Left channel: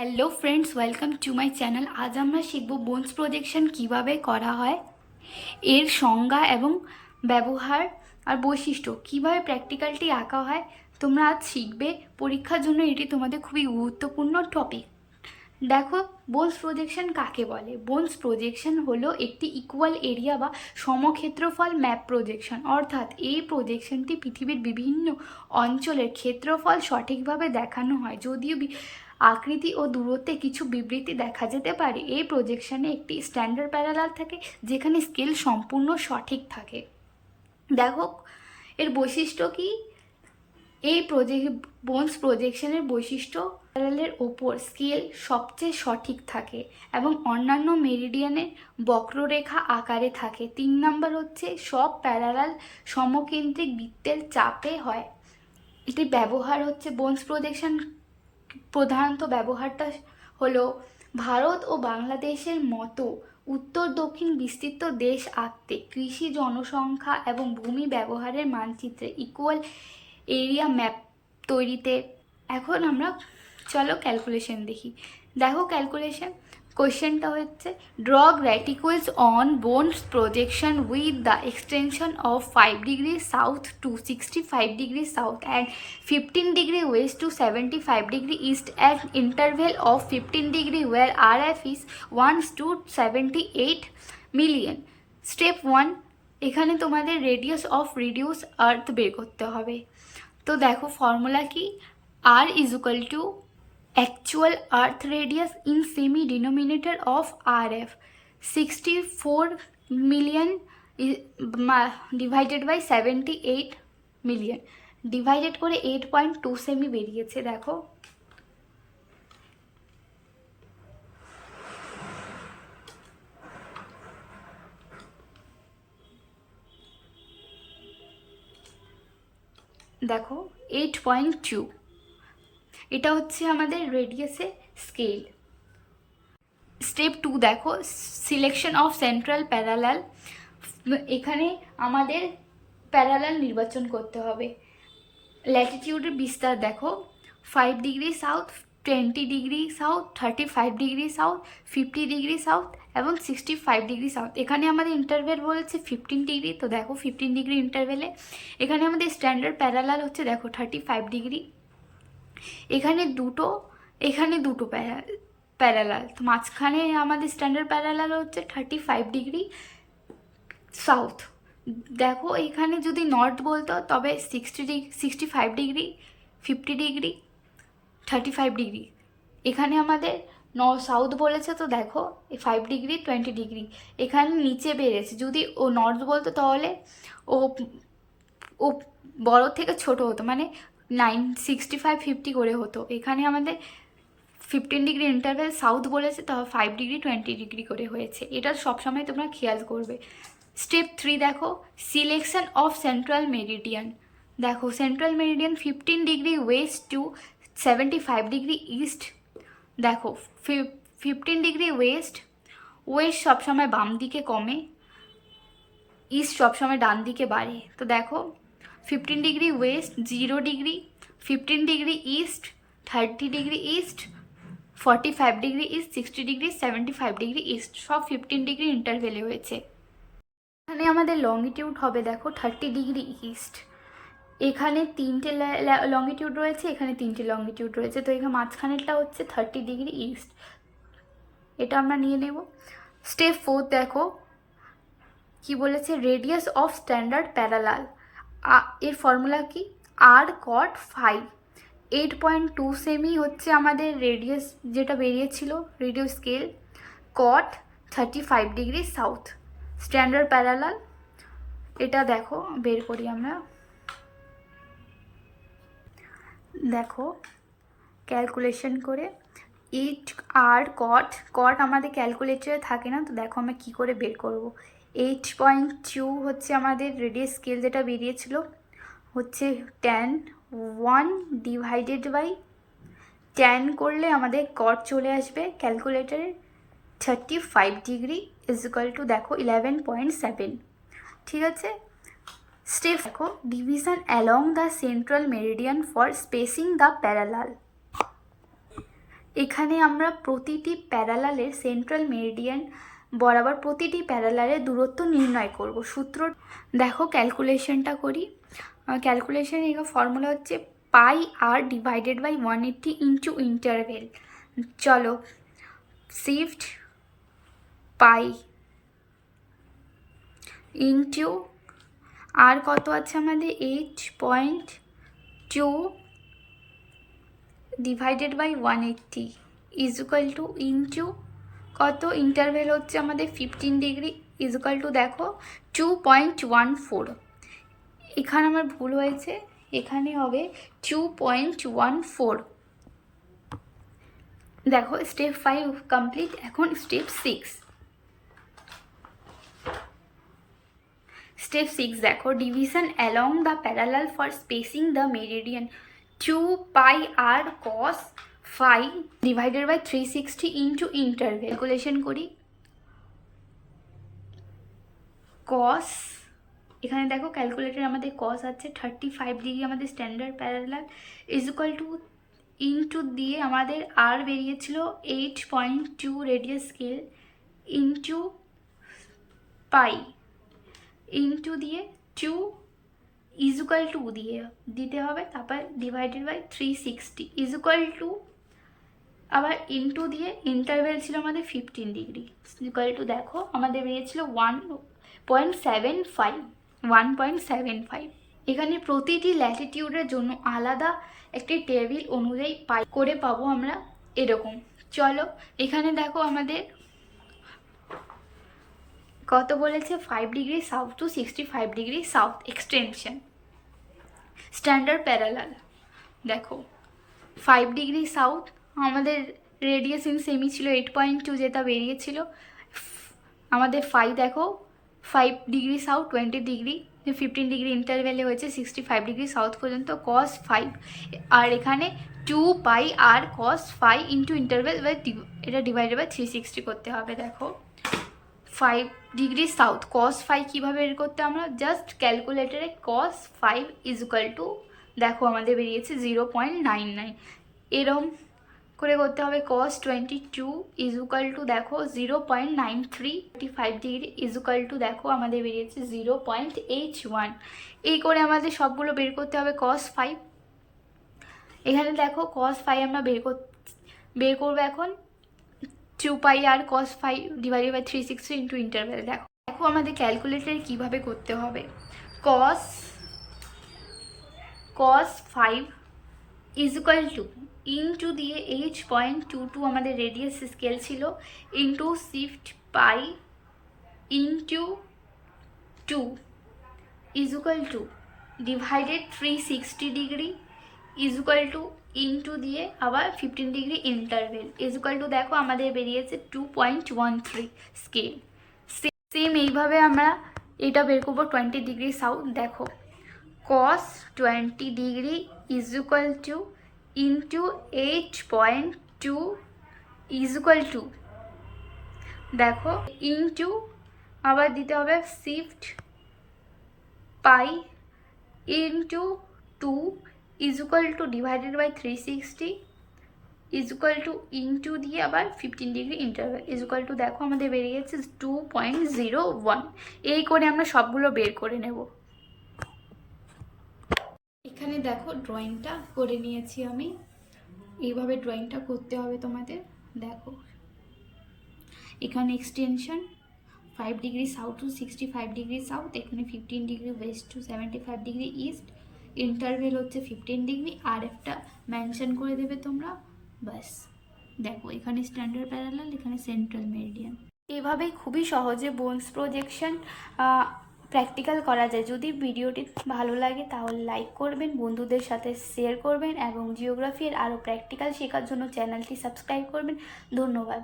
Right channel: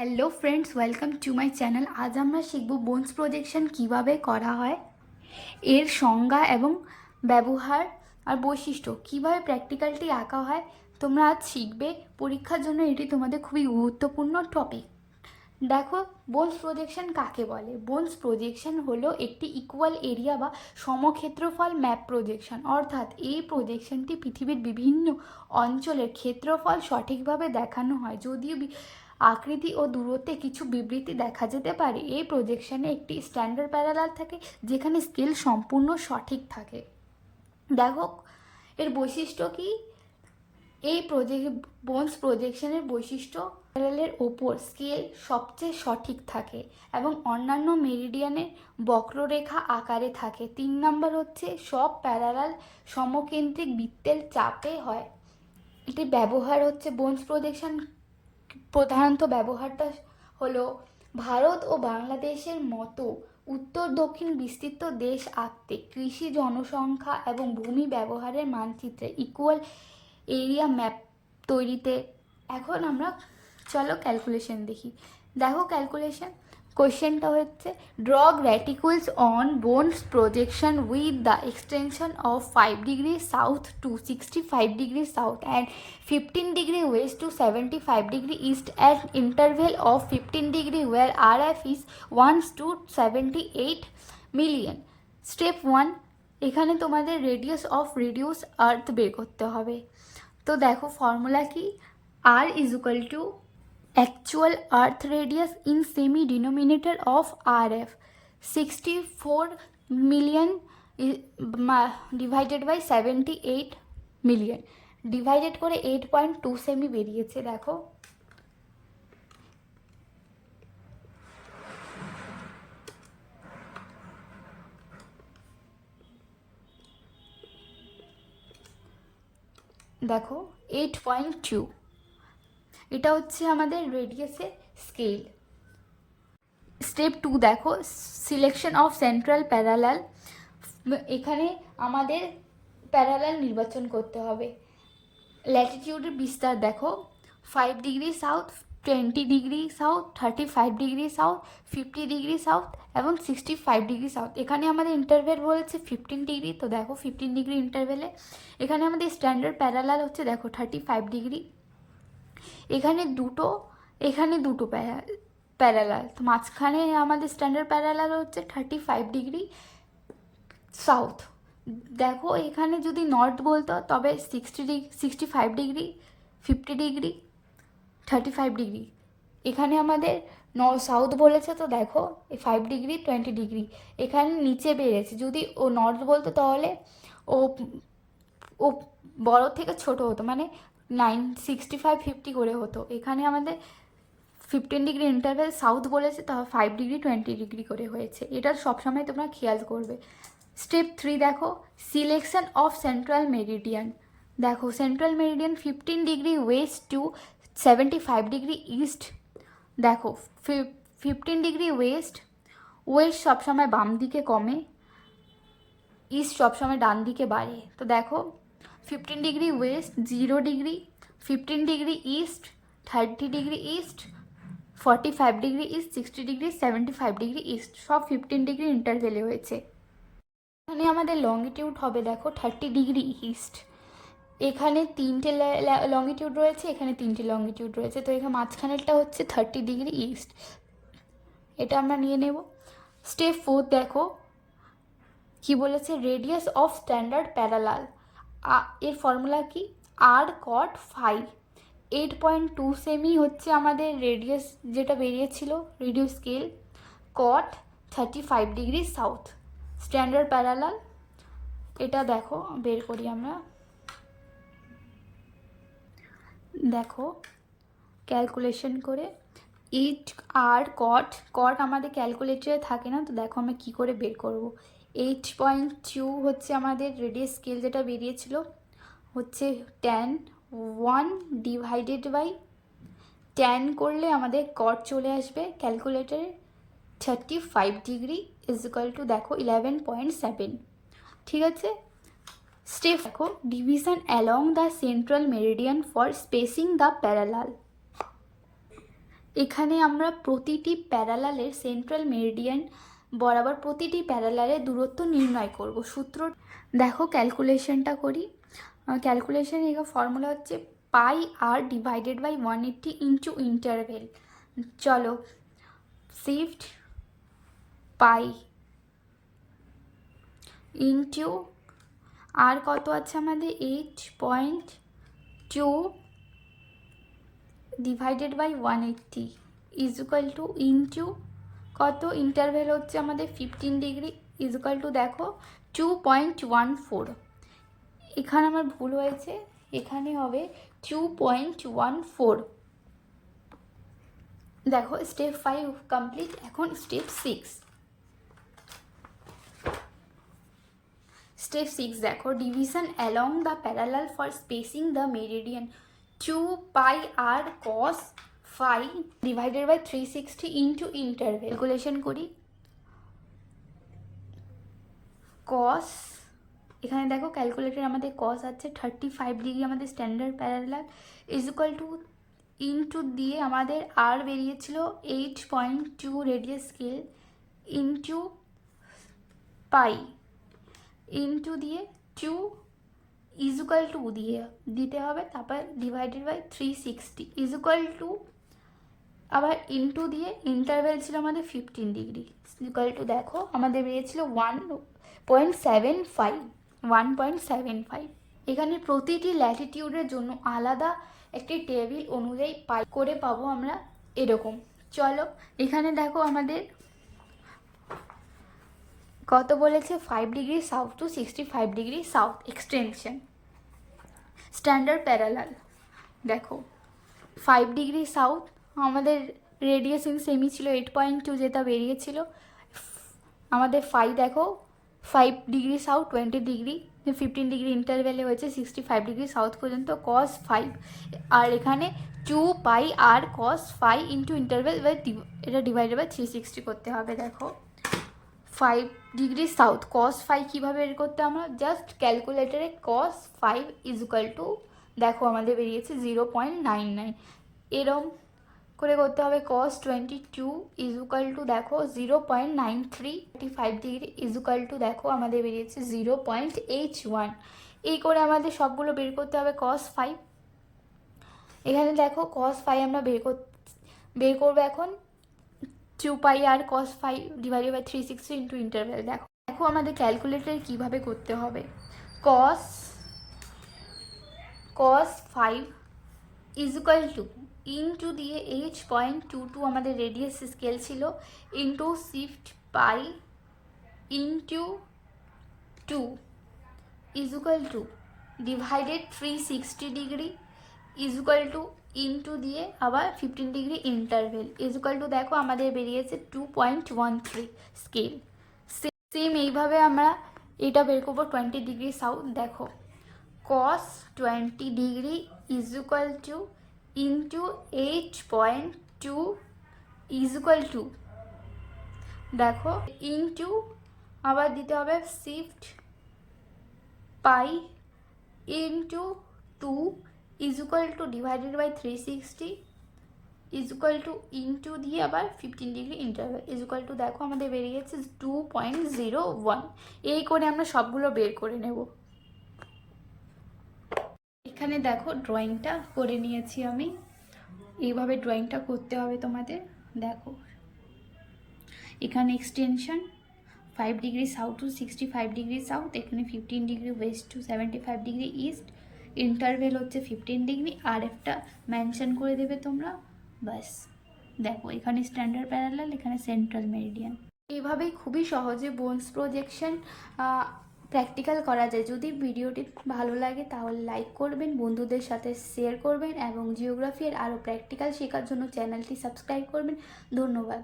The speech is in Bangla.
Hello friends, welcome to my channel. আজ আমরা শিখব বোনস প্রজেকশন কিভাবে করা হয়, এর সংজ্ঞা এবং ব্যবহার আর বৈশিষ্ট্য, কিভাবে প্র্যাকটিক্যালটি আঁকা হয় তোমরা আজ শিখবে। পরীক্ষার জন্য এটি তোমাদের খুবই গুরুত্বপূর্ণ টপিক। দেখো, বোনস প্রজেকশন কাকে বলে? বোনস প্রজেকশন হলো একটি ইকুয়াল এরিয়া বা সমক্ষেত্রফল ম্যাপ প্রজেকশন। অর্থাৎ এই প্রজেকশনটি পৃথিবীর বিভিন্ন অঞ্চলের ক্ষেত্রফল সঠিকভাবে দেখানো হয়, যদিও আকৃতি ও দূরত্বে কিছু বিবৃতি দেখা যেতে পারে। এই প্রজেকশনে একটি স্ট্যান্ডার্ড প্যারালাল থাকে, যেখানে স্কেল সম্পূর্ণ সঠিক থাকে। দেখো এর বৈশিষ্ট্য কি। এই বোনস প্রজেকশনের বৈশিষ্ট্য, প্যারালালের ওপর স্কেল সবচেয়ে সঠিক থাকে এবং অন্যান্য মেরিডিয়ানের বক্ররেখা আকারে থাকে। 3 নম্বর হচ্ছে সব প্যারালাল সমকেন্দ্রিক বৃত্তের চাপে হয়। এটি ব্যবহার হচ্ছে বোনস প্রজেকশন প্রধানত ব্যবহারটা হলো ভারত ও বাংলাদেশের মতো উত্তর দক্ষিণ বিস্তৃত দেশ আঁকতে, কৃষি, জনসংখ্যা এবং ভূমি ব্যবহারের মানচিত্রে, ইকুয়াল এরিয়া ম্যাপ তৈরিতে। এখন আমরা চলো ক্যালকুলেশন দেখি। দেখো ক্যালকুলেশন কোয়েশ্চেনটা হচ্ছে, draw graticules on Bonne's projection with the extension of 5 degree south to 65 degree south and 15 degree west to 75 degree east at interval of 15 degree where RF is 1 to 78 million. Step 1, এখানে তোমাদের রেডিয়াস অফ রিডিউস আর্থ বের করতে হবে। তো দেখো ফর্মুলা কি, R is equal to actual earth radius in semi denominator of RF 64 million divided by 78 million divided করে 8.2 সেমি বেরিয়েছে। দেখো দেখো 8.2, এটা হচ্ছে আমাদের রেডিয়াসে স্কেল। স্টেপ 2 দেখো, সিলেকশন অফ সেন্ট্রাল প্যারালাল। এখানে আমাদের প্যারালাল নির্বাচন করতে হবে। ল্যাটিটিউডের বিস্তার দেখো, 5 degree south, 20 degree south, 35 degree south, 50 degree south এবং 65 ডিগ্রি সাউথ। এখানে আমাদের ইন্টারভেল বলছে 15 ডিগ্রি। তো দেখো 15 ডিগ্রি ইন্টারভেলে এখানে আমাদের স্ট্যান্ডার্ড প্যারালাল হচ্ছে দেখো 35 ডিগ্রি। এখানে দুটো প্যারালাল, তো মাঝখানে আমাদের স্ট্যান্ডার্ড প্যারালাল হচ্ছে 35 ডিগ্রি সাউথ। দেখো এখানে যদি নর্থ বলতো তবে 65 ডিগ্রি, 50 ডিগ্রি, 35 ডিগ্রি। এখানে আমাদের সাউথ বলেছে, তো দেখো 5 ডিগ্রি, 20 ডিগ্রি এখানে নিচে বেড়েছে। যদি ও নর্থ বলতো তাহলে ও ও বড় থেকে ছোট হতো, মানে 65 50 করে হতো। এখানে আমাদের 15 ডিগ্রি ইন্টারভেল সাউথ বলেছে, তো 5 ডিগ্রি 20 ডিগ্রি করে হয়েছে। এটা সবসময় তোমরা খেয়াল করবে। স্টেপ 3 দেখো, সিলেকশন অফ সেন্ট্রাল মেরিডিয়ান। দেখো central meridian 15 degree west to 75 degree east. দেখো 15 ডিগ্রি ওয়েস্ট সবসময় বাম দিকে কমে, ইস্ট সবসময় ডান দিকে বাড়ে। তো দেখো 15 degree West 0 degree, 15 degree east 30 degree east, 45 degree east, 60 degree, 75 degree east, সব 15 ডিগ্রি ইন্টারভেলে হয়েছে। এখানে আমাদের লংগিটিউড হবে দেখো 30 ডিগ্রি ইস্ট। এখানে 3টে লংগিটিউড রয়েছে, এখানে 3টে লংগিটিউড রয়েছে, তো এখানে মাঝখানেরটা হচ্ছে 30 ডিগ্রি ইস্ট। এটা আমরা নিয়ে নেব। স্টেপ 4 দেখো কি বলেছে, রেডিয়াস অফ স্ট্যান্ডার্ড প্যারালাল। এর ফর্মুলা কি, আর কট ফাই। 8.2 সেমি হচ্ছে আমাদের রেডিয়াস, যেটা বেরিয়েছিল রেডিয়াস স্কেল। কট 35 ডিগ্রি সাউথ, স্ট্যান্ডার্ড প্যারালাল। এটা দেখো বের করি আমরা। দেখো ক্যালকুলেশন করে 8 আর কট আমাদের ক্যালকুলেটরে থাকে না, তো দেখো আমরা কী করে বের করব। 8.2 হচ্ছে আমাদের রেডিয়াস স্কেল, যেটা বেরিয়েছিল হচ্ছে tan 1 ডিভাইডেড বাই tan করলে আমাদের কট চলে আসবে ক্যালকুলেটারে 35 ডিগ্রি ইজ ইকুয়াল টু দেখো 11.7। ঠিক আছে। স্টেপ দেখো, division along the central meridian for spacing the parallel. এখানে আমরা প্রতিটি প্যারালালের সেন্ট্রাল মেরিডিয়ান বরাবর প্রতিটি প্যারালালের দূরত্ব নির্ণয় করব। সূত্র দেখো, ক্যালকুলেশনটা করি। ক্যালকুলেশন এর ফর্মুলা হচ্ছে pi R divided by 180 into interval. চলো, শিফট পাই ইন্টু আর কত আছে আমাদের 8.2 divided by 180 is equal to into কত, ইন্টারভেল হচ্ছে আমাদের 15 ডিগ্রি ইজ ইকুয়াল টু দেখো 2.14। এখানে আমার ভুল হয়েছে, এখানে হবে 2.14। দেখো স্টেপ 5 কমপ্লিট। এখন স্টেপ 6। স্টেপ 6 দেখো, division along the parallel for spacing the meridian 2 pi R cos phi divided by 360 into interval. Calculation করি। কস, এখানে দেখো ক্যালকুলেটর আমাদের কস আছে 35 ডিগ্রি, আমাদের standard parallel is equal to into দিয়ে আমাদের আর বেরিয়েছিল 8.2 radius scale into pi into দিয়ে 2 ইজ ইকুয়াল টু দিয়ে দিতে হবে, তারপর divided by 360 is equal to আবার ইন্টু দিয়ে ইন্টারভেল ছিল আমাদের 15 ডিগ্রি ইকুয়াল টু দেখো আমাদের বেরিয়েছিল 1.75। এখানে প্রতিটি ল্যাটিটিউডের জন্য আলাদা একটি টেবিল অনুযায়ী পাই করে পাবো আমরা এরকম। চলো, এখানে দেখো আমাদের কত বলেছে, 5 degree south to 65 degree south extension. Standard parallel দেখো 5 ডিগ্রি সাউথ, আমাদের রেডিয়াস ইন সেমি ছিল 8.2, যেটা বেরিয়েছিল আমাদের দেখো 5 ডিগ্রি সাউথ 20 ডিগ্রি 15 ডিগ্রি ইন্টারভেলে হয়েছে 65 ডিগ্রি সাউথ পর্যন্ত কস 5, আর এখানে 2 পাই আর কস 5 ইন্টু ইন্টারভেল এটা ডিভাইডেড বাই 360 করতে হবে। দেখো 5 ডিগ্রি সাউথ কস 5 কীভাবে বের করতে, আমরা জাস্ট ক্যালকুলেটারে কস 5 ইজ ইকুয়াল টু দেখো আমাদের বেরিয়েছে 0.99, এরম করে করতে হবে। কস 22 ইজ ইকুয়াল টু দেখো 0.93, 35 ডিগ্রি ইজ ইকুয়াল টু দেখো আমাদের বেরিয়েছে 0.81। এই করে আমাদের সবগুলো বের করতে হবে। কস 5, এখানে দেখো কস 5 আমরা বের করবো এখন 2 pi R cos 5 divided by 360 into interval. দেখো আমাদের ক্যালকুলেটর কীভাবে করতে হবে। কস 5 ইজ ইকুয়াল টু ইন্টু দিয়ে 8.22 আমাদের রেডিয়াস স্কেল ছিল into shift pi into 2 is equal to divided 360 degree is equal to into দিয়ে আবার 15 degree interval is equal to দেখো আমাদের বেরিয়েছে 2.13 স্কেল। সেম এইভাবে আমরা এটা বের করবো 20 ডিগ্রি সাউথ। দেখো cos 20 degree is equal to into 8.2 is equal to দেখো ইন্টু আবার দিতে হবে shift pi into 2 is equal to divided by 360 is equal to into দিয়ে আবার 15 degree interval is equal to দেখো আমাদের বেরিয়ে গেছে 2.01। এই করে আমরা সবগুলো বের করে নেব। এখানে দেখো ড্রয়িংটা করে নিয়েছি আমি, এইভাবে ড্রয়িংটা করতে হবে তোমাদের। দেখো এখানে extension 5 degree south to 65 degree south, এখানে 15 degree west to 75 degree east, interval হচ্ছে 15 ডিগ্রি, আর একটা মেনশন করে দেবে তোমরা, বাস। দেখো এখানে স্ট্যান্ডার্ড প্যারালাল, এখানে সেন্ট্রাল মেরিডিয়ান। এভাবেই খুবই সহজে বোনস প্রজেকশন প্র্যাকটিক্যাল করা যায়। যদি ভিডিওটি ভালো লাগে তাহলে লাইক করবেন, বন্ধুদের সাথে শেয়ার করবেন এবং জিওগ্রাফির আরও প্র্যাকটিক্যাল শেখার জন্য চ্যানেলটি সাবস্ক্রাইব করবেন। ধন্যবাদ।